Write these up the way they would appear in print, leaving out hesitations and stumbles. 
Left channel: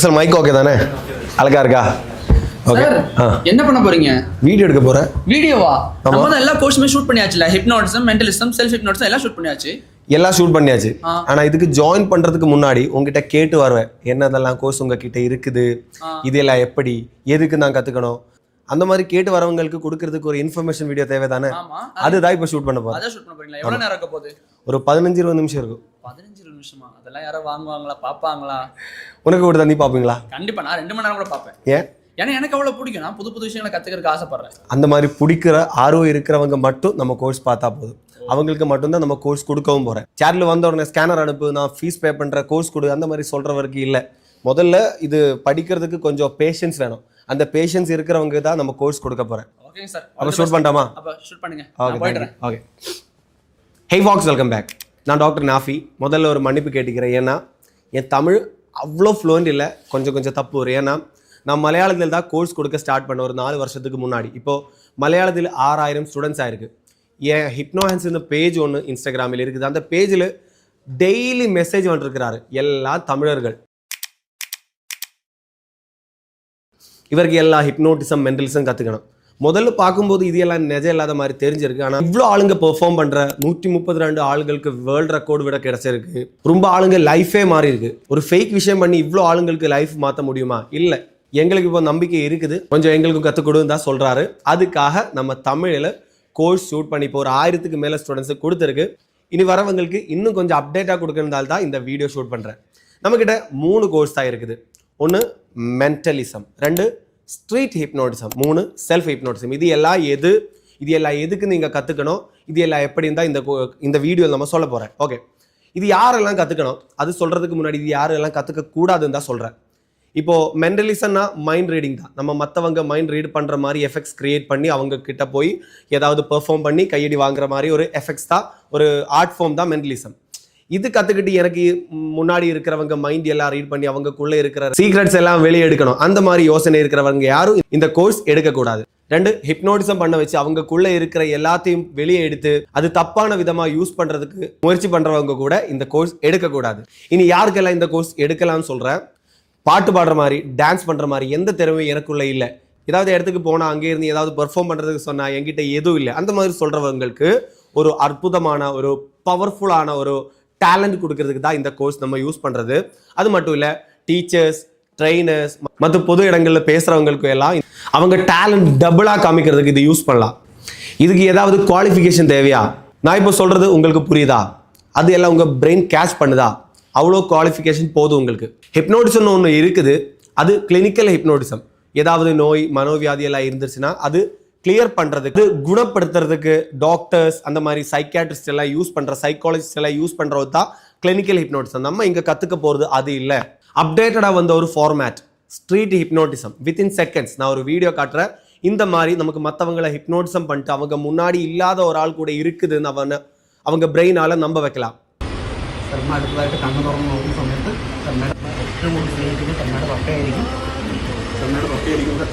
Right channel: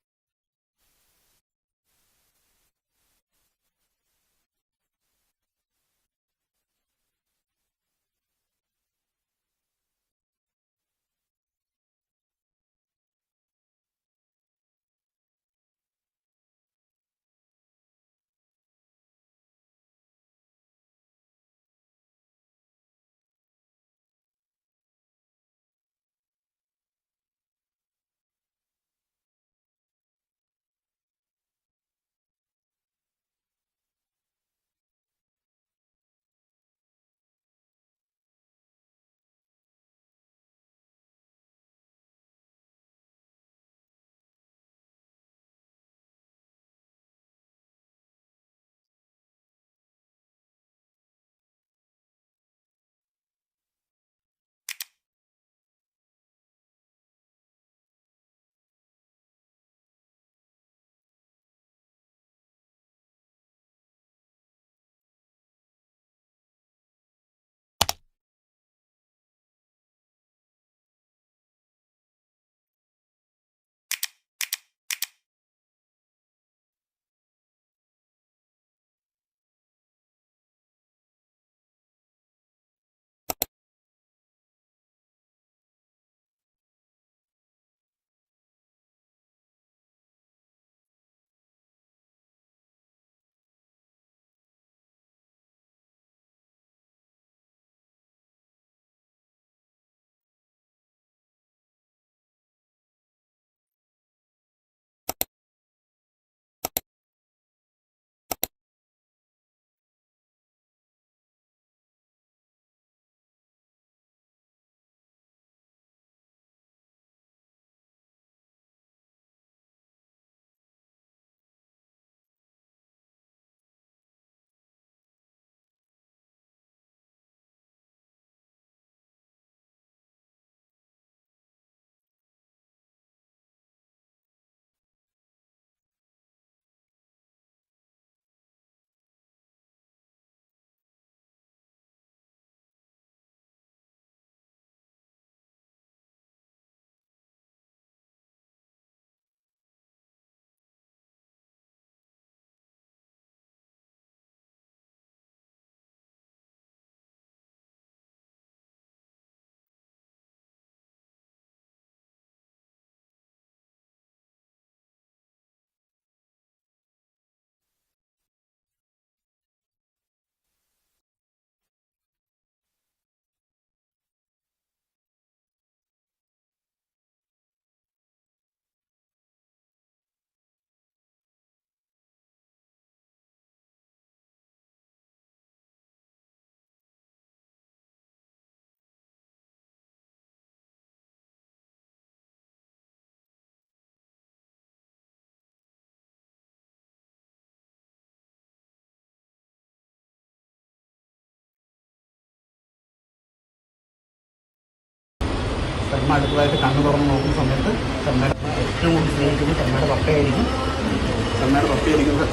Sir mic okay தானே? அழகா இருக்கா? ஓகே. என்ன பண்ண போறீங்க? வீடியோ எடுக்க போறேன். வீடியோவா? நம்ம தான் எல்லா கோர்ஸுமே ஷூட் பண்ணியாச்சுல. ஹிப்னோட்டிசம், மென்டலிசம், செல்ஃப் ஹிப்னோட்டிசம் எல்லாம் ஷூட் பண்ணியாச்சு. எல்லாம் ஷூட் பண்ணியாச்சு. ஆனா இதுக்கு ஜாயின் பண்றதுக்கு முன்னாடி உங்ககிட்ட கேட்டு வருவேன். என்னதெல்லாம் கோர்ஸ் உங்ககிட்ட இருக்குது, இதெல்லாம் எப்படி, எதுக்கு நான் கத்துக்கணும், அந்த மாதிரி கேட்டு வரவங்களுக்கு கொடுக்கறதுக்கு ஒரு இன்ஃபர்மேஷன் வீடியோ தேவை தானே? அதுதான் இப்போ ஷூட் பண்ண போறேன். அத ஷூட் பண்ண போறீங்களா? எவ்வளவு நேரம் இருக்க போகுது? ஒரு 15-20 நிமிஷம் இருக்கும். 15-20 நிமிஷமா? அதெல்லாம் யாரும் வாங்குவாங்களா, பாப்பாங்களா? உனக்கு கூட தண்ணி பாப்பீங்களா? கண்டிப்பா. நான் 2 மணி நேரம் கூட பாப்பேன். ஏன்? ஏன்னா எனக்கு அவ்வளவு பிடிக்கும். நான் புது புது விஷயங்களை கத்துக்கிறதுக்கு ஆசைப்படுறேன். அந்த மாதிரி பிடிக்கிற ஆர்வம் இருக்கிறவங்க மட்டும் நம்ம கோர்ஸ் பார்த்தா போதும். அவங்களுக்கு மட்டும்தான் நம்ம கோர்ஸ் கொடுக்கவும் போறேன். சேர்ல வந்த உடனே ஸ்கேனர் அனுப்பு, நான் ஃபீஸ் பே பண்ற, கோர்ஸ் கொடு, அந்த மாதிரி சொல்றவருக்கு இல்ல. முதல்ல இது படிக்கிறதுக்கு கொஞ்சம் பேஷன்ஸ் வேணும். அந்த பேஷன்ஸ் இருக்கிறவங்க தான் நம்ம கோர்ஸ் கொடுக்க போறேன். Okay sir. அப்ப ஷூட் பண்ணலாமா? அப்ப ஷூட் பண்ணுங்க. நான் போயிடுறேன். ஓகே. ஹே வாக்ஸ், வெல்கம் பேக். நான் டாக்டர் நாஃபி. முதல்ல ஒரு மன்னிப்பு கேட்டுக்கிறேன். ஏன்னா என் தமிழ் அவ்வளோ ஃப்ளூயண்ட் இல்லை, கொஞ்சம் தப்பு வரும். ஏன்னா நான் மலையாளத்தில் தான் கோர்ஸ் கொடுக்க ஸ்டார்ட் பண்ண ஒரு 4 வருஷத்துக்கு முன்னாடி. இப்போது மலையாளத்தில் 6000 ஸ்டூடெண்ட்ஸ் ஆயிருக்கு. என் ஹிப்னோஹான்ஸ் இந்த பேஜ் ஒன்று இன்ஸ்டாகிராமில் இருக்குது. அந்த பேஜில் டெய்லி மெசேஜ் வந்துருக்கிறாரு, எல்லா தமிழர்கள். இவருக்கு எல்லா ஹிப்னோட்டிசம், மென்டலிசம் கற்றுக்கணும். முதல்ல பார்க்கும்போது இது எல்லாம் நிஜம் இல்லாத மாதிரி தெரிஞ்சிருக்கு. ஆனால் இவ்வளோ ஆளுங்க பெர்ஃபார்ம் பண்ணுற 132 ஆளுங்களுக்கு வேர்ல்டு ரெக்கார்டு விட கிடைச்சிருக்கு. ரொம்ப ஆளுங்க லைஃபே மாறி இருக்கு. ஒரு ஃபேக் விஷயம் பண்ணி இவ்வளோ ஆளுங்களுக்கு லைஃப் மாற்ற முடியுமா? இல்லை. எங்களுக்கு இப்போ நம்பிக்கை இருக்குது, கொஞ்சம் எங்களுக்கும் கற்றுக் கொடுன்னு தான் சொல்கிறாரு. அதுக்காக நம்ம தமிழில் கோர்ஸ் ஷூட் பண்ணி இப்போ ஒரு 1000க்கு மேலே ஸ்டூடெண்ட்ஸுக்கு கொடுத்துருக்கு. இனி வரவங்களுக்கு இன்னும் கொஞ்சம் அப்டேட்டாக கொடுக்கறதால தான் இந்த வீடியோ ஷூட் பண்ணுறேன். நம்மக்கிட்ட 3 கோர்ஸ் தான் இருக்குது. 1 mentalism, 2 street hypnotism, 3 self hypnotism. இது எல்லாம் எதுக்கு நீங்கள் கற்றுக்கணும், இது எல்லாம் எப்படி இருந்தால் இந்த வீடியோவில் நம்ம சொல்ல போகிறேன். ஓகே, இது யாரெல்லாம் கற்றுக்கணும் அது சொல்கிறதுக்கு முன்னாடி இது யாரெல்லாம் கற்றுக்கக்கூடாதுன்னு தான் சொல்கிறேன். இப்போது மென்டலிசம்னா மைண்ட் ரீடிங் தான். நம்ம மற்றவங்க மைண்ட் ரீட் பண்ணுற மாதிரி எஃபெக்ட்ஸ் கிரியேட் பண்ணி அவங்க கிட்ட போய் ஏதாவது பெர்ஃபார்ம் பண்ணி கையடி வாங்குற மாதிரி ஒரு எஃபெக்ட்ஸ் தான், ஒரு ஆர்ட் ஃபார்ம் தான் மென்டலிசம். இது கற்றுக்கிட்டு எனக்கு முன்னாடி இருக்கிறவங்க மைண்ட் எல்லாம் ரீட் பண்ணி அவங்கக்குள்ளே இருக்கிற சீக்ரெட்ஸ் எல்லாம் வெளியே எடுக்கணும், அந்த மாதிரி யோசனை இருக்கிறவங்க யாரும் இந்த கோர்ஸ் எடுக்கக்கூடாது. 2 ஹிப்னோட்டிசம் பண்ண வச்சு அவங்கக்குள்ளே இருக்கிற எல்லாத்தையும் வெளியே எடுத்து அது தப்பான விதமாக யூஸ் பண்ணுறதுக்கு முயற்சி பண்ணுறவங்க கூட இந்த கோர்ஸ் எடுக்கக்கூடாது. இனி யாருக்கெல்லாம் இந்த கோர்ஸ் எடுக்கலாம்னு சொல்கிறேன். பாட்டு பாடுற மாதிரி, டான்ஸ் பண்ணுற மாதிரி எந்த திறமையும் எனக்குள்ளே இல்லை, ஏதாவது இடத்துக்கு போனால் அங்கே இருந்து ஏதாவது பெர்ஃபார்ம் பண்ணுறதுக்கு சொன்னால் என்கிட்ட எதுவும் இல்லை, அந்த மாதிரி சொல்கிறவங்களுக்கு ஒரு அற்புதமான, ஒரு பவர்ஃபுல்லான ஒரு டேலண்ட் கொடுக்கறதுக்கு தான் இந்த கோர்ஸ் நம்ம யூஸ் பண்ணுறது. அது மட்டும் இல்லை, டீச்சர்ஸ், ட்ரெயினர்ஸ் மற்ற பொது இடங்களில் பேசுகிறவங்களுக்கு எல்லாம் அவங்க டேலண்ட் டபுளாக காமிக்கிறதுக்கு இது யூஸ் பண்ணலாம். இதுக்கு ஏதாவது குவாலிஃபிகேஷன் தேவையா? நான் இப்போ சொல்கிறது உங்களுக்கு புரியுதா? அது எல்லாம் உங்கள் பிரெயின் கேட்ச் பண்ணுதா? அவ்வளோ குவாலிஃபிகேஷன் போதும் உங்களுக்கு. ஹிப்னோட்டிசம்னு ஒன்று இருக்குது, அது கிளினிக்கல் ஹிப்னோட்டிசம். ஏதாவது நோய், மனோவியாதி எல்லாம் இருந்துச்சுன்னா அது கிளியர் பண்ணுறதுக்கு, குணப்படுத்துறதுக்கு டாக்டர்ஸ், அந்த மாதிரி சைக்கியாட்ரிஸ்ட் எல்லாம் யூஸ் பண்ணுற, சைக்காலஜிஸ்ட் எல்லாம் யூஸ் பண்ணுறது தான் கிளினிக்கல் ஹிப்னோட்டிசம். நம்ம இங்கே கற்றுக்க போகிறது அது இல்லை. அப்டேட்டடாக வந்த ஒரு format street hypnotism. Within seconds நான் ஒரு வீடியோ காட்டுறேன். இந்த மாதிரி நமக்கு மற்றவங்களை ஹிப்னோட்டிசம் பண்ணிட்டு அவங்க முன்னாடி இல்லாத ஒரு ஆள் கூட இருக்குதுன்னு அவங்க பிரெயினால் நம்ப வைக்கலாம். കർമ്മ അടുത്തതായിട്ട് കണ്ണ് തുറന്ന് നോക്കുന്ന സമയത്ത് കർമ്മയുടെ ഏറ്റവും കൂടുതൽ സ്നേഹിക്കുന്നത് കർമ്മയുടെ പപ്പയായിരിക്കും.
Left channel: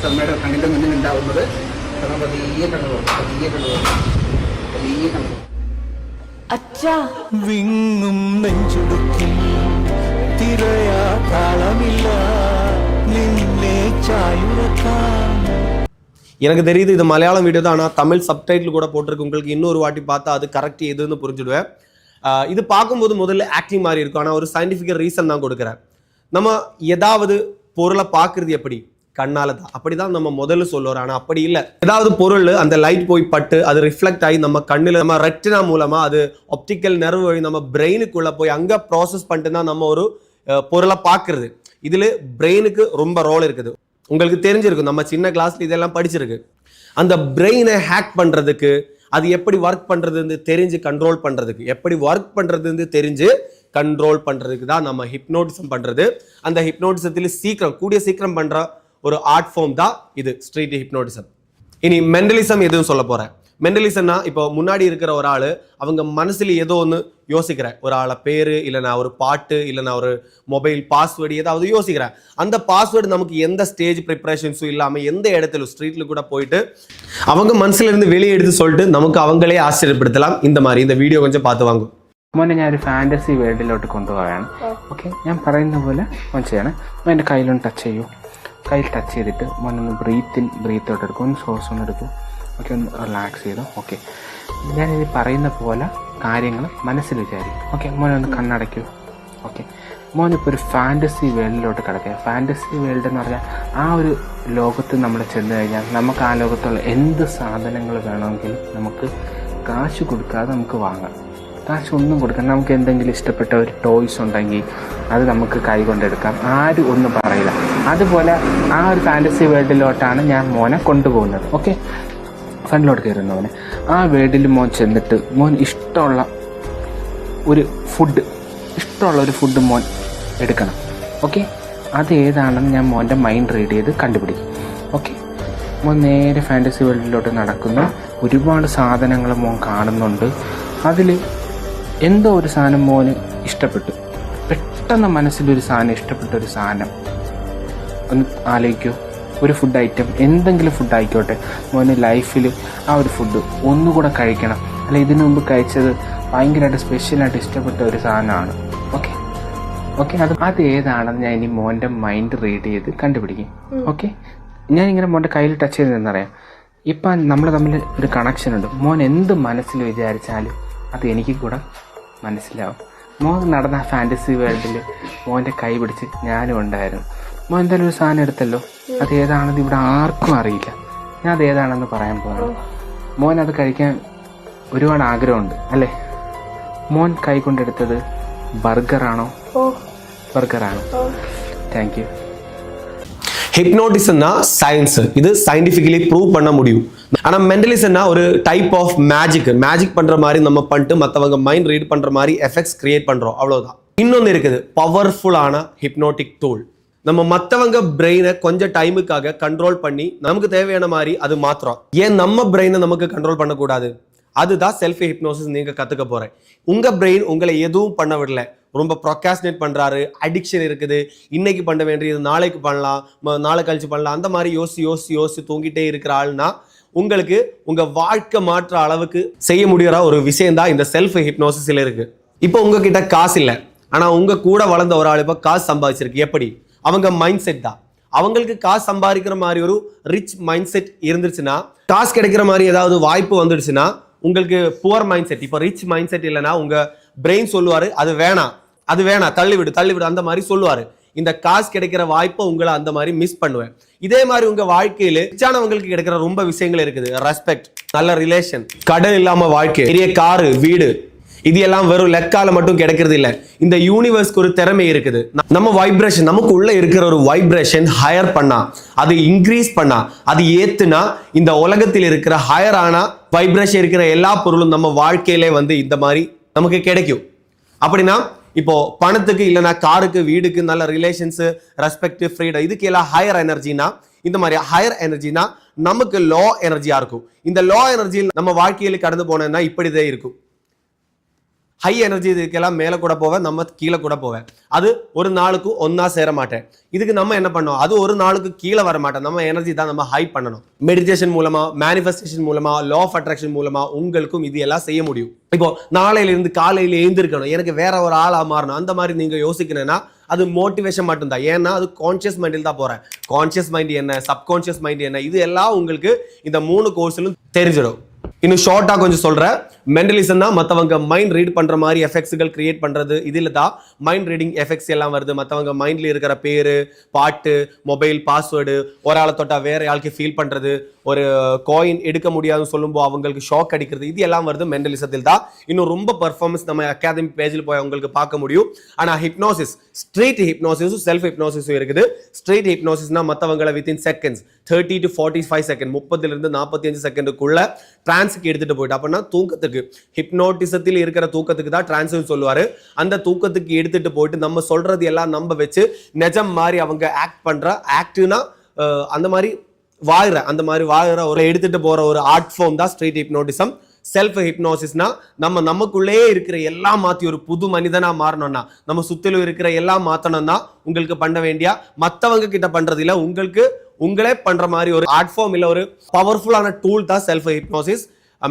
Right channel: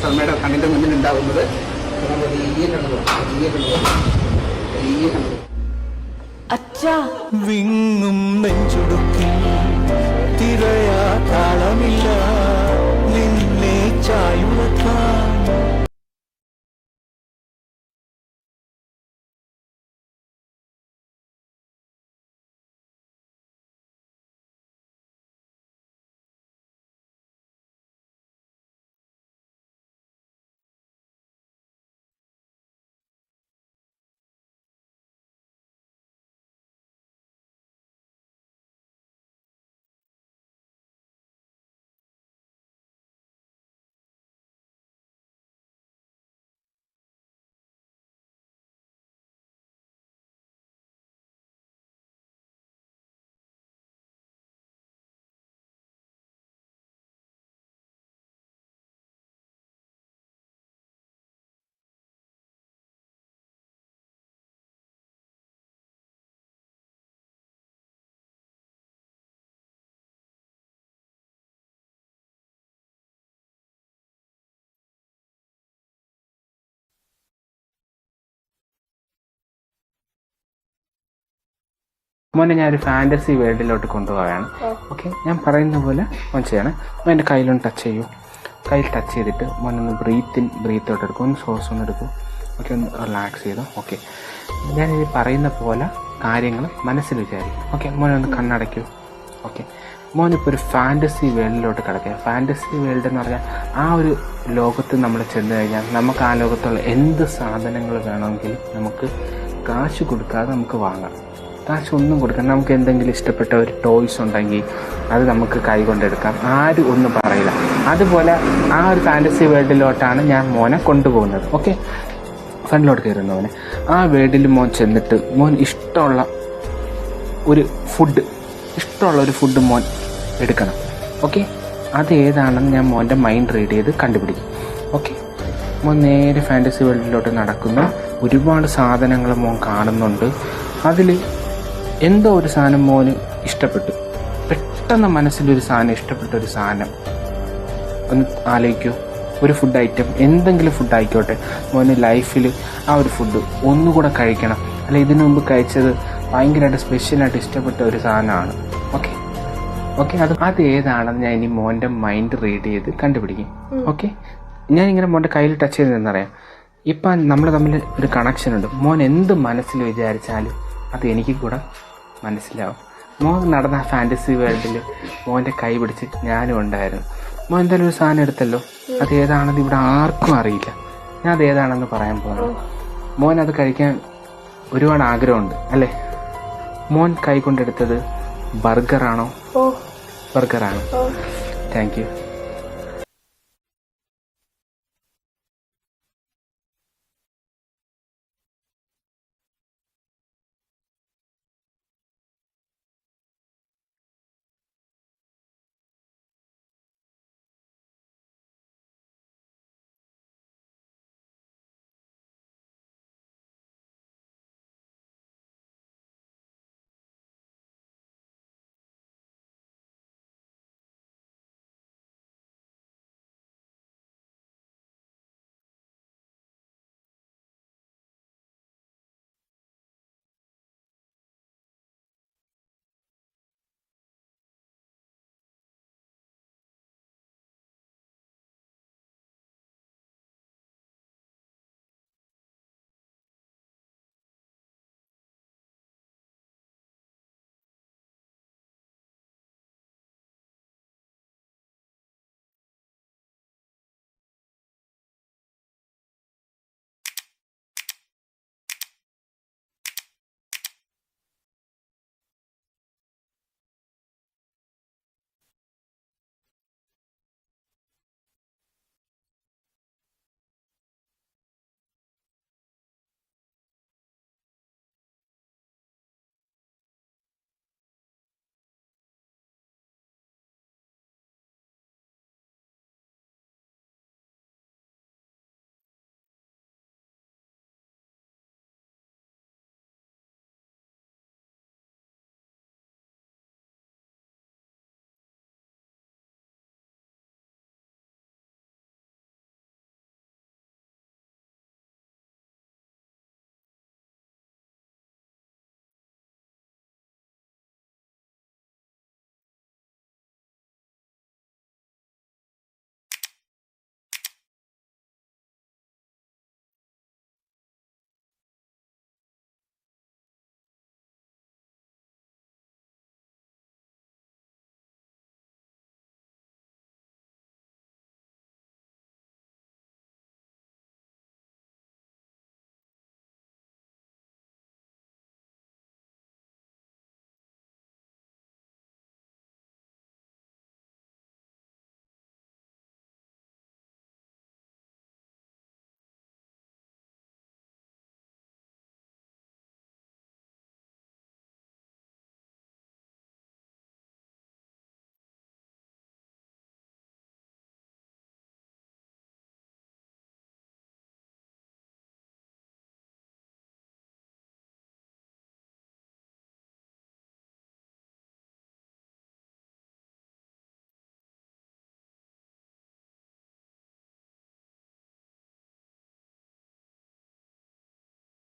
കർമ്മയുടെ കണ്ണിൻ്റെ മുന്നിൽ ഉണ്ടാവുന്നത് വിങ്ങും നെഞ്ചുടുക്കിൽ തിരയാ താളമില്ല നിന്നെ ചായുറക്കാൻ. எனக்கு தெரியுது இது மலையாளம் வீடியோ தான், ஆனால் தமிழ் சப்டைட்டில் கூட போட்டிருக்கு. உங்களுக்கு இன்னொரு வாட்டி பார்த்தா அது கரெக்ட் எதுன்னு புரிஞ்சுடுவேன். இது பார்க்கும்போது முதல்ல ஆக்டிங் மாதிரி இருக்கும், ஆனால் ஒரு சயின்டிஃபிக்கல் ரீசன் தான் கொடுக்குறேன். நம்ம ஏதாவது பொருளை பார்க்குறது எப்படி? கண்ணால் தான். அப்படி தான் நம்ம முதல்ல சொல்லுவோம். ஆனால் அப்படி இல்லை. ஏதாவது பொருள் அந்த லைட் போய் பட்டு அது ரிஃப்ளெக்ட் ஆகி நம்ம கண்ணில், நம்ம ரெட்டினா மூலமாக அது ஆப்டிக்கல் நர்வ் வழி நம்ம பிரெயினுக்குள்ளே போய் அங்கே ப்ராசஸ் பண்ணிட்டு தான் நம்ம ஒரு பொருளை பார்க்குறது. இதில் பிரெயினுக்கு ரொம்ப ரோல் இருக்குது. உங்களுக்கு தெரிஞ்சிருக்கும், நம்ம சின்ன கிளாஸில் இதெல்லாம் படிச்சிருக்கு. அந்த பிரெயினை ஹேக் பண்ணுறதுக்கு, அது எப்படி ஒர்க் பண்ணுறதுன்னு தெரிஞ்சு கண்ட்ரோல் பண்ணுறதுக்கு, எப்படி ஒர்க் பண்ணுறதுன்னு தெரிஞ்சு கண்ட்ரோல் பண்ணுறதுக்கு தான் நம்ம ஹிப்னோட்டிசம் பண்ணுறது. அந்த ஹிப்னோட்டிசத்தில் கூடிய சீக்கிரம் பண்ணுற ஒரு ஆர்ட் ஃபார்ம் தான் இது ஸ்ட்ரீட் ஹிப்னோட்டிசம். இனி மென்டலிசம் எதுவும் சொல்ல போகிறேன். மென்டலிசம்னா இப்போ முன்னாடி இருக்கிற ஒரு ஆள் அவங்க மனசில் ஏதோ ஒன்று யோசிக்கிறேன், ஒரு ஆளை பேர், இல்லைனா ஒரு பாட்டு, இல்லைனா ஒரு மொபைல் பாஸ்வேர்டு ஏதாவது யோசிக்கிறேன். அந்த பாஸ்வேர்டு நமக்கு எந்த ஸ்டேஜ் ப்ரிப்பரேஷன்ஸும் இல்லாமல் எந்த இடத்துல ஸ்ட்ரீட்டில் கூட போயிட்டு அவங்க மனசுல இருந்து வெளியே எடுத்து சொல்லிட்டு நமக்கு அவங்களே ஆச்சரியப்படுத்தலாம். இந்த மாதிரி இந்த வீடியோ கொஞ்சம் பார்த்து வாங்க. മോനെ ഞാനൊരു ഫാൻറ്റസി വേൾഡിലോട്ട് കൊണ്ടുപോവുകയാണ്. ഓക്കെ, ഞാൻ പറയുന്ന പോലെ മോൻ ചെയ്യണം. മോൻ എൻ്റെ കയ്യിലൊന്ന് ടച്ച് ചെയ്യൂ. കയ്യിൽ ടച്ച് ചെയ്തിട്ട് മോനൊന്ന് ബ്രീത്ത് ഔട്ട് എടുക്കും. ഒന്ന് ശ്വാസം ഒന്ന് എടുക്കും. ഓക്കെ, ഒന്ന് റിലാക്സ് ചെയ്തു. ഓക്കെ, ഞാനിത് പറയുന്ന പോലെ കാര്യങ്ങൾ മനസ്സിൽ വിചാരിക്കും. ഓക്കെ, മോനൊന്ന് കണ്ണടയ്ക്കൂ. ഓക്കെ, മോനിപ്പോൾ ഒരു ഫാൻറ്റസി വേൾഡിലോട്ട് കിടക്കുക. ഫാൻറ്റസി വേൾഡ് എന്ന് പറഞ്ഞാൽ ആ ഒരു ലോകത്ത് നമ്മൾ ചെന്ന് കഴിഞ്ഞാൽ നമുക്ക് ആ ലോകത്തുള്ള എന്ത് സാധനങ്ങൾ വേണമെങ്കിലും നമുക്ക് കാശ് കൊടുക്കാതെ നമുക്ക് വാങ്ങാം. കാശ് ഒന്നും കൊടുക്കാം. നമുക്ക് എന്തെങ്കിലും ഇഷ്ടപ്പെട്ട ഒരു ടോയ്സ് ഉണ്ടെങ്കിൽ അത് നമുക്ക് കൈ കൊണ്ടെടുക്കാം. ആരും ഒന്നും പറയില്ല. അതുപോലെ ആ ഒരു ഫാൻറ്റസി വേൾഡിലോട്ടാണ് ഞാൻ മോനെ കൊണ്ടുപോകുന്നത്. ഓക്കെ, ഫ്രണ്ടിലോട്ട് കയറുന്നവനെ ആ വേൾഡിൽ മോൻ ചെന്നിട്ട് മോൻ ഇഷ്ടമുള്ള ഒരു ഫുഡ് മോൻ എടുക്കണം. ഓക്കെ, അത് ഏതാണെന്ന് ഞാൻ മോൻ്റെ മൈൻഡ് റീഡ് ചെയ്ത് കണ്ടുപിടിക്കും. ഓക്കെ, മോൻ നേരെ ഫാൻറ്റസി വേൾഡിലോട്ട് നടക്കുന്നു. ഒരുപാട് സാധനങ്ങൾ മോൻ കാണുന്നുണ്ട്. അതിൽ എന്തോ ഒരു സാധനം മോന് ഇഷ്ടപ്പെട്ടു. പെട്ടെന്ന് മനസ്സിലൊരു സാധനം ഇഷ്ടപ്പെട്ട ഒരു സാധനം ഒന്ന് ആലോചിക്കൂ. ഒരു ഫുഡ് ഐറ്റം, എന്തെങ്കിലും ഫുഡ് ആയിക്കോട്ടെ. മോന് ലൈഫിൽ ആ ഒരു ഫുഡ് ഒന്നുകൂടെ കഴിക്കണം. അല്ല, ഇതിനു മുമ്പ് കഴിച്ചത് ഭയങ്കരമായിട്ട് സ്പെഷ്യലായിട്ട് ഇഷ്ടപ്പെട്ട ഒരു സാധനമാണ്. ഓക്കെ, അത് ഏതാണെന്ന് ഞാൻ ഇനി മോൻ്റെ മൈൻഡ് റീഡ് ചെയ്ത് കണ്ടുപിടിക്കും. ഓക്കെ, ഞാനിങ്ങനെ മോൻ്റെ കയ്യിൽ ടച്ച് ചെയ്തെന്നറിയാം. ഇപ്പം നമ്മൾ തമ്മിൽ ഒരു കണക്ഷൻ ഉണ്ട്. മോൻ എന്ത് മനസ്സിൽ വിചാരിച്ചാലും അത് എനിക്ക് കൂടെ മനസ്സിലാവും. മോൻ നടന്ന ഫാൻറ്റസി വേൾഡിൽ മോൻ്റെ കൈ പിടിച്ച് ഞാനും ഉണ്ടായിരുന്നു. മോൻ എന്തായാലും ഒരു സാധനം എടുത്തല്ലോ. അത് ഏതാണെന്ന് ഇവിടെ ആർക്കും അറിയില്ല. ഞാൻ അത് ഏതാണെന്ന് പറയാൻ പോകണം. മോൻ അത് കഴിക്കാൻ ഒരുപാട് ആഗ്രഹമുണ്ട് അല്ലേ? മോൻ കൈ കൊണ്ടെടുത്തത് ബർഗറാണോ? ബർഗറാണ്. Thank you. ஹிப்னோட்டிசம்னா சயின்ஸ், இது சயின்டிஃபிக்கலி ப்ரூவ் பண்ண முடியும். ஆனால் மென்டலிசம்னா ஒரு டைப் ஆஃப் மேஜிக் பண்ணுற மாதிரி நம்ம பண்ணிட்டு மற்றவங்க மைண்ட் ரீட் பண்ணுற மாதிரி எஃபெக்ட்ஸ் கிரியேட் பண்ணுறோம், அவ்வளோதான். இன்னொன்று இருக்குது, பவர்ஃபுல்லான ஹிப்னோட்டிக் டூல். நம்ம மற்றவங்க பிரெயினை கொஞ்சம் டைமுக்காக கண்ட்ரோல் பண்ணி நமக்கு தேவையான மாதிரி அது மாத்திரம். ஏன் நம்ம பிரெயினை நமக்கு கண்ட்ரோல் பண்ணக்கூடாது? அதுதான் செல்ஃப் ஹிப்னோசிஸ். நீங்கள் கற்றுக்க போகிறேன். உங்கள் பிரெயின் உங்களை எதுவும் பண்ண விடல. ரொம்ப ப்ரொக்காஸ்டினேட் பண்ணுறாரு, அடிக்ஷன் இருக்குது, இன்னைக்கு பண்ண வேண்டியது நாளைக்கு பண்ணலாம், நாளை கழிச்சு பண்ணலாம், அந்த மாதிரி யோசி தூங்கிட்டே இருக்கிற ஆள்னா உங்களுக்கு உங்கள் வாழ்க்கை மாற்ற அளவுக்கு செய்ய முடிகிற ஒரு விஷயம் தான் இந்த செல்ஃப் ஹிப்னோசிஸில் இருக்குது. இப்போ உங்ககிட்ட காசு இல்லை, ஆனால் உங்கள் கூட வளர்ந்த ஒரு ஆள் இப்போ காசு சம்பாதிச்சிருக்கு. எப்படி? அவங்க மைண்ட் செட் தான். அவங்களுக்கு காசு சம்பாதிக்கிற மாதிரி ஒரு ரிச் மைண்ட் செட் இருந்துச்சுன்னா, காசு கிடைக்கிற மாதிரி ஏதாவது வாய்ப்பு வந்துடுச்சுன்னா உங்களுக்கு புவர் மைண்ட் செட். இப்போ ரிச் மைண்ட் செட் இல்லைன்னா உங்கள் பிரெயின் சொல்லுவார் அது வேணாம் தள்ளிவிடு அந்த மாதிரி சொல்லுவார். இந்த காசு கிடைக்கிற வாய்ப்பை உங்களை அந்த மாதிரி மிஸ் பண்ணுவேன். இதே மாதிரி உங்க வாழ்க்கையில ரிச்சானவங்களுக்கு கிடைக்கிற ரொம்ப விஷயங்கள் இருக்குது. ரெஸ்பெக்ட், நல்ல ரிலேஷன், கடன் இல்லாம வாழ்க்கை, பெரிய காரு, வீடு, இது எல்லாம் வெறும் லெக்கால மட்டும் கிடைக்கிறது இல்லை. இந்த யூனிவர்ஸ்க்கு ஒரு திறமை இருக்குது. நம்ம வைப்ரேஷன், நமக்கு உள்ள இருக்கிற ஒரு வைப்ரேஷன் ஹையர் பண்ணா, அது இன்க்ரீஸ் பண்ணா, அது ஏத்துனா இந்த உலகத்தில் இருக்கிற ஹையரான வைப்ரேஷன் இருக்கிற எல்லா பொருளும் நம்ம வாழ்க்கையிலே வந்து இந்த மாதிரி நமக்கு கிடைக்கும். அப்படின்னா இப்போ பணத்துக்கு இல்லைன்னா காருக்கு, வீடுக்கு, நல்ல ரிலேஷன்ஸ், ரெஸ்பெக்ட், ஃப்ரீடம், இதுக்கு எல்லாம் ஹையர் எனர்ஜினா, இந்த மாதிரி ஹையர் எனர்ஜினா நமக்கு லோ எனர்ஜியா இருக்கும். இந்த லோ எனர்ஜியில் நம்ம வாழ்க்கையில கடந்து போனோம்னா இப்படிதான் இருக்கும். ஹை எனர்ஜி இதுக்கெல்லாம் மேலே கூட போவேன், நம்ம கீழே கூட போவேன். அது ஒரு நாளுக்கு ஒன்னா சேர மாட்டேன். இதுக்கு நம்ம என்ன பண்ணோம், அது ஒரு நாளுக்கு கீழே வர மாட்டேன். நம்ம எனர்ஜி தான் நம்ம ஹை பண்ணணும். மெடிடேஷன் மூலமா, மேனிஃபெஸ்டேஷன் மூலமா, லா ஆஃப் அட்ராக்ஷன் மூலமா உங்களுக்கும் இது எல்லாம் செய்ய முடியும். இப்போ நாளையில இருந்து காலையில எழுந்திருக்கணும், எனக்கு வேற ஒரு ஆளா மாறணும், அந்த மாதிரி நீங்க யோசிக்கணும்னா அது மோட்டிவேஷன் மட்டும்தான். ஏன்னா அது கான்சியஸ் மைண்டில் தான் போறேன். கான்சியஸ் மைண்ட் என்ன, சப்கான்சியஸ் மைண்ட் என்ன, இது எல்லாம் உங்களுக்கு இந்த 3 கோர்ஸ்லும் தெரிஞ்சிடும். இன்னும் ஷார்ட்டா கொஞ்சம் சொல்றேன். மென்டலிசம் தான் மற்றவங்க மைண்ட் ரீட் பண்ற மாதிரி எஃபெக்ட்ஸ்கள் கிரியேட் பண்றது. இதில் தான் மைண்ட் ரீடிங் எஃபெக்ட்ஸ் எல்லாம் வருது. மற்றவங்க மைண்ட்ல இருக்கிற பேரு, பாட்டு, மொபைல் பாஸ்வேர்டு, ஒரு ஆளை தொட்டா வேற ஆளுக்கு ஃபீல் பண்றது, ஒரு காயின் எடுக்க முடியாதுன்னு சொல்லும்போது அவங்களுக்கு ஷாக் அடிக்கிறது, இது எல்லாம் வருது மென்டலிசத்தில் தான். இன்னும் ரொம்ப பர்ஃபார்மன்ஸ் நம்ம அகாடமி பேஜில் போய் உங்களுக்கு பார்க்க முடியும். ஆனால் ஹிப்னோசிஸ், ஸ்ட்ரீட் ஹிப்னோசிஸும் செல்ஃப் ஹிப்னோசிஸும் இருக்குது. ஸ்ட்ரீட் ஹிப்னோசிஸ்னா மற்றவங்களை within seconds, 30 to 45 second, 30 to 45 செகண்டுக்குள்ள டிரான்ஸுக்கு எடுத்துட்டு போயிட்டு, அப்படின்னா தூக்கத்துக்கு, ஹிப்னோட்டிசத்தில் இருக்கிற தூக்கத்துக்கு தான் டிரான்ஸ் சொல்லுவாரு. அந்த தூக்கத்துக்கு எடுத்துட்டு போயிட்டு நம்ம சொல்றது எல்லாம் நம்ப வச்சு நிஜம் மாதிரி அவங்க ஆக்ட் பண்ற, ஆக்ட்னா அந்த மாதிரி வாழ்ற ஒரு எடுத்துட்டு போற ஒரு ஆர்ட் ஃபார்ம் தான் ஸ்ட்ரீட் ஹிப்னோட்டிசம். செல்ஃப் ஹிப்னோசிஸ்னா நம்ம நமக்குள்ளே இருக்கிற எல்லாம் மாற்றி ஒரு புது மனிதனா மாறணும்னா, நம்ம சுத்திலும் இருக்கிற எல்லாம் மாற்றணும்னா உங்களுக்கு பண்ண வேண்டிய, மற்றவங்க கிட்ட பண்றது இல்லை, உங்களுக்கு உங்களே பண்ற மாதிரி ஒரு ஆர்ட் ஃபார்ம் இல்லை, ஒரு பவர்ஃபுல்லான டூல் தான் செல்ஃப் ஹிப்னோசிஸ்.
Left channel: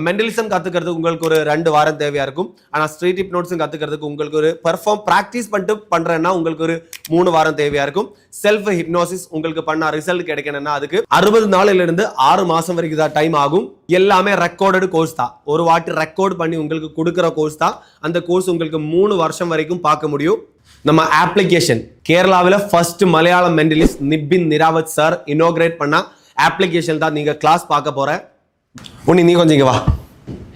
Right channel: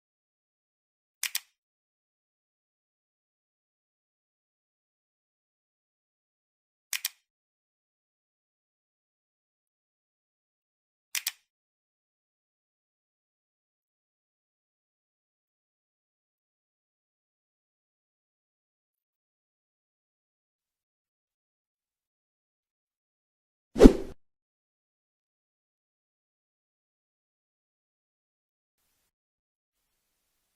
மெண்டலிசம் கத்துக்கிறதுக்கு உங்களுக்கு ஒரு 2 வாரம் தேவையா இருக்கும். ஆனா ஸ்ட்ரீட் ஹிப்னோட்டிசம் கத்துக்கிறதுக்கு உங்களுக்கு ஒரு பெர்ஃபார்ம் பிராக்டிஸ் பண்ணிட்டு பண்றேன்னா உங்களுக்கு ஒரு 3 வாரம் தேவையா இருக்கும். செல்ஃப் ஹிப்னோசிஸ் உங்களுக்கு பண்ண ரிசல்ட் கிடைக்கணும்னா அதுக்கு 60 நாள்ல இருந்து 6 மாசம் வரைக்கும் தான் டைம் ஆகும். எல்லாமே ரெக்கார்டட் கோர்ஸ் தான். ஒரு வாட்டி ரெக்கார்ட் பண்ணி உங்களுக்கு கொடுக்குற கோர்ஸ் தான். அந்த கோர்ஸ் உங்களுக்கு 3 வருஷம் வரைக்கும் பார்க்க முடியும். நம்ம அப்ளிகேஷன் கேரளாவில் ஃபர்ஸ்ட் மலையாளம் மெண்டலிஸ்ட் நிபின் நிராவத் சார் இனோகிரேட் பண்ண அப்ளிகேஷன் தான் நீங்க கிளாஸ் பார்க்க போற. உன்னி நீ கொஞ்சம் இங்க வா.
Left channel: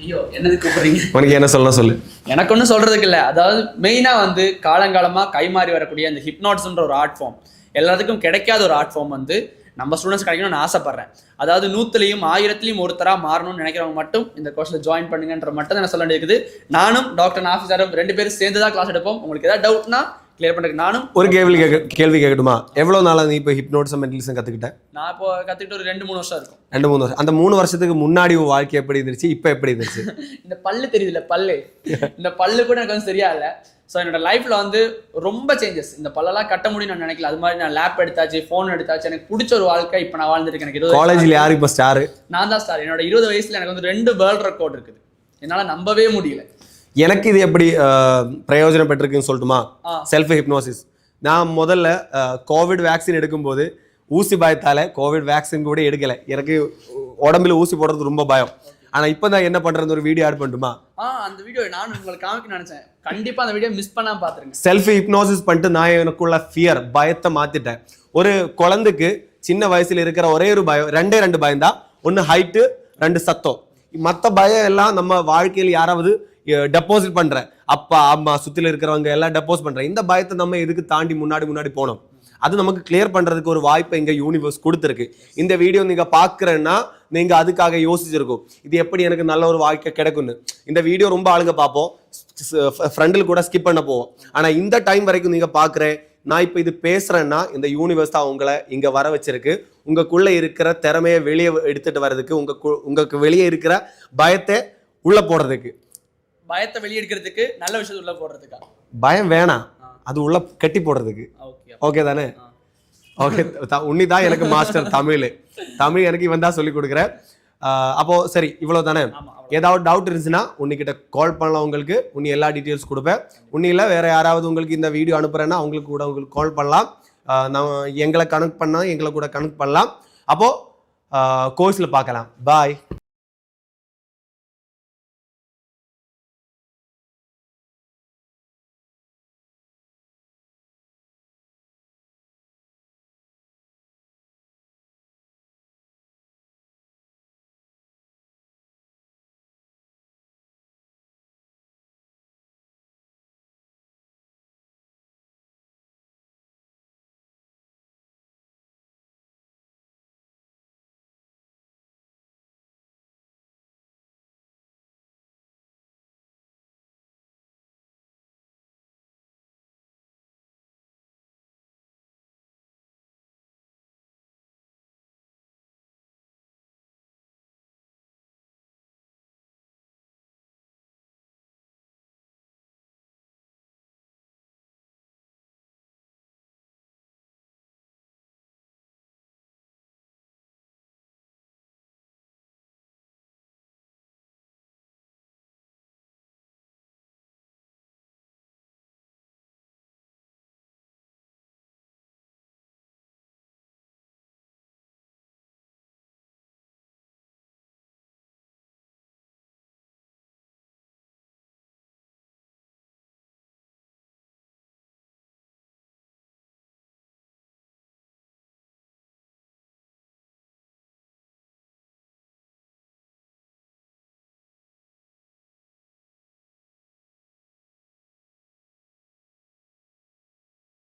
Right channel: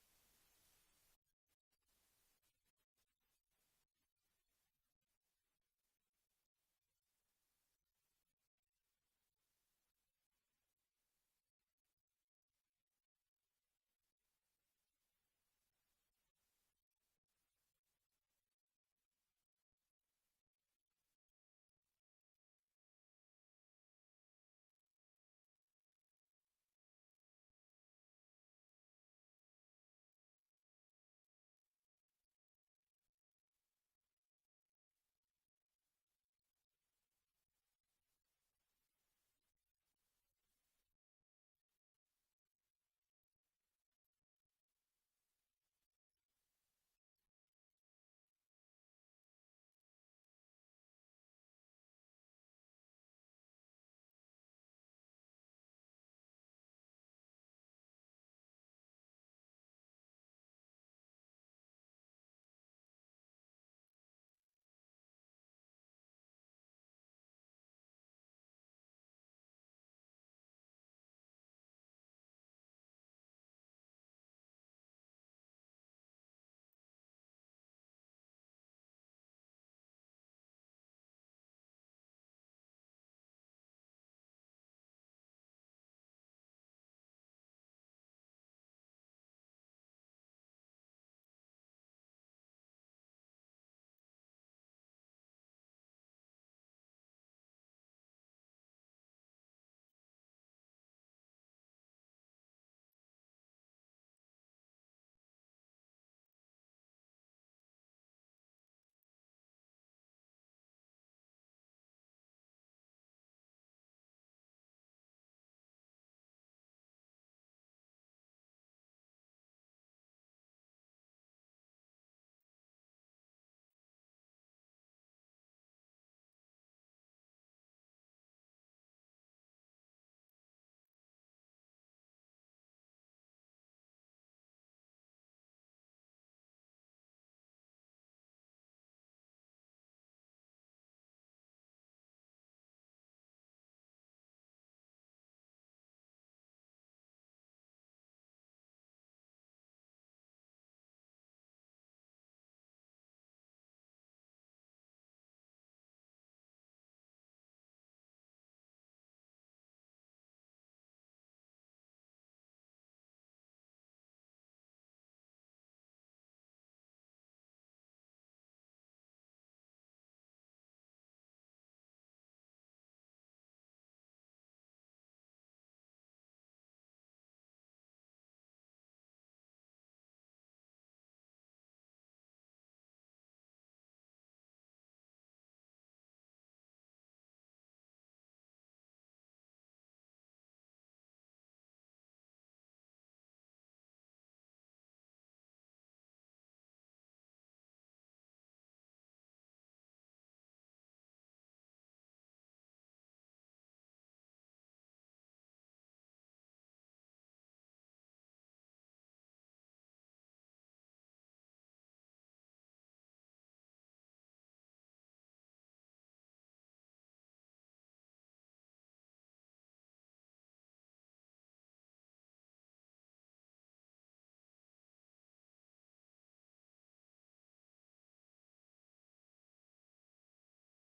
ஐயோ என்னது கூப்பிடுறீங்க? உனக்கு என்ன சொல்ல எனக்கு ஒன்றும் சொல்றதுக்கு இல்லை. அதாவது மெயினா வந்து காலங்காலமா கைமாறி வரக்கூடிய அந்த ஹிப்னாட்டிசம்ன்ற ஒரு ஆர்ட் ஃபார்ம் எல்லாத்துக்கும் கிடைக்காத ஒரு ஆர்ட் ஃபார்ம் வந்து நம்ம ஸ்டூடெண்ட்ஸ் கிடைக்கணும்னு நான் ஆசைப்படுறேன். அதாவது 100லையும் 1000லையும் ஒருத்தரா மாறணும்னு நினைக்கிறவங்க மட்டும் இந்த கோர்ஸ்ல ஜாயின் பண்ணுங்கன்ற மட்டும் தான் சொல்ல வேண்டியிருக்குது. நானும் டாக்டர் நாஃபி சாரும் 2 பேரும் சேர்ந்து தான் கிளாஸ் எடுப்போம். உங்களுக்கு ஏதாவது டவுட்னா கிளியர் பண்றதுக்கு நானும் ஒரு கேள்வி கேட்கட்டுமா? எவ்வளவு நாளா நீ இப்போ ஹிப்னோட்டிசம் மெண்டலிசம் கத்துக்கிட்ட? நான் இப்போ கத்துக்கிட்டு ஒரு 2-3 வருஷம் இருக்கும். 2-3 வருஷம். அந்த 3 வருஷத்துக்கு முன்னாடி உன் வாழ்க்கை எப்படி இருந்துச்சு, இப்போ எப்படி இருந்துச்சு? இந்த பல்லு தெரியுதுல்ல, பல்லு இந்த பல்லு கூட எனக்கு வந்து சரியா இல்லை. ஸோ என்னோட லைஃப்ல வந்து ரொம்ப சேஞ்சஸ். இந்த பல்லெல்லாம் கட்ட முடியும் நான் நினைக்கல. அது மாதிரி நான் லேப் எடுத்தாச்சு, ஃபோன் எடுத்தாச்சு. எனக்கு பிடிச்ச ஒரு வாழ்க்கை இப்போ நான் வாழ்ந்துருக்கேன். எனக்கு 20 காலேஜ்ல யாரு இப்போ ஸ்டார்? நான் தான் ஸ்டார். என்னோட 20 வயசுல எனக்கு வந்து 2 வேர்ல்ட் ரெக்கார்ட் இருக்குது. என்னால நம்பவே முடியல. எனக்கு இது எப்படி பிரயோஜனம் பெற்றிருக்குன்னு சொல்லட்டுமா? Self hypnosis. நான் முதல்ல கோவிட் வேக்சின் எடுக்கும்போது ஊசி பயத்தால கோவிட் வேக்சின் கூட எடுக்கல. எனக்கு உடம்புல ஊசி போடுறது ரொம்ப பயம். ஆனா இப்போ நான் என்ன பண்றது, ஒரு வீடியோ ஆட் பண்ணட்டுமா? அந்த வீடியோ நான் உங்களுக்கு காமிக்க நினைச்சேன். கண்டிப்பா அந்த வீடியோ மிஸ் பண்ணாம பாத்துருங்க. செல்ஃப் ஹிப்னோசிஸ் பண்ணிட்டு நான் எனக்குள்ள ஃபியர் பயத்தை மாத்திட்டேன். ஒரு குழந்தைக்கு சின்ன வயசுல இருக்கிற ஒரே ஒரு பயம், 2 பயம் தான். 1 ஹைட்டு, 2 சத்தம். மற்ற பயம் எல்லாம் நம்ம வாழ்க்கையில் யாராவது டெபாசிட் பண்ற அப்பா அம்மா சுத்தில இருக்கிறவங்க எல்லாம் டெபாசிட் பண்ற. இந்த பயத்தை நம்ம எதுக்கு தாண்டி முன்னாடி போனோம்? அது நமக்கு கிளியர் பண்றதுக்கு ஒரு வாய்ப்பை இங்க யூனிவர்ஸ் கொடுத்துருக்கு. இந்த வீடியோ நீங்க பாக்குறேன்னா நீங்க அதுக்காக யோசிச்சிருக்கும், இது எப்படி எனக்கு நல்ல ஒரு வாழ்க்கை கிடைக்கும்னு. இந்த வீடியோ ரொம்ப ஆளுங்க பார்ப்போம், ஃப்ரெண்டில் கூட ஸ்கிப் பண்ண போவோம். ஆனா இந்த டைம் வரைக்கும் நீங்க பாக்குறேன், நான் இப்போ இது பேசுறேன்னா இந்த யூனிவர்ஸ் தான் உங்களை இங்க வர வச்சிருக்கு. உங்களுக்குள்ள இருக்கிற திறமையை வெளியே எடுத்துட்டு வர்றதுக்கு, உங்களுக்கு வெளியே இருக்கிற பயத்தை உள்ள போடுறதுக்கு. பயத்தை வெளியே எடுக்கிறதுக்கு, நல்ல விஷயத்தை உள்ள போடுறதுக்கா? பயம் வேணாம், அது உள்ள கட்டி போடுறதுக்கு. ஓகே தானே? ஓகே. உன்னி தான் எனக்கு மாஸ்டர் தமிழ் எனக்கு இவன் தான் சொல்லி கொடுக்குறேன். அப்போ சரி, இவ்வளவு தானே? ஏதாவது டவுட் இருந்துச்சுன்னா உன்னிக்கிட்ட கால் பண்ணலாம். உங்களுக்கு உன்னி எல்லா டீட்டெயில்ஸ் கொடுப்பேன். உன்னியில் வேற யாராவது உங்களுக்கு இந்த வீடியோ அனுப்புறேன்னா அவங்களுக்கு கூட உங்களுக்கு கால் பண்ணலாம். நம்ம எங்களை கனெக்ட் பண்ணா எங்களை கூட கனெக்ட் பண்ணலாம். அப்போ கோர்ஸ்ல பார்க்கலாம். பாய்.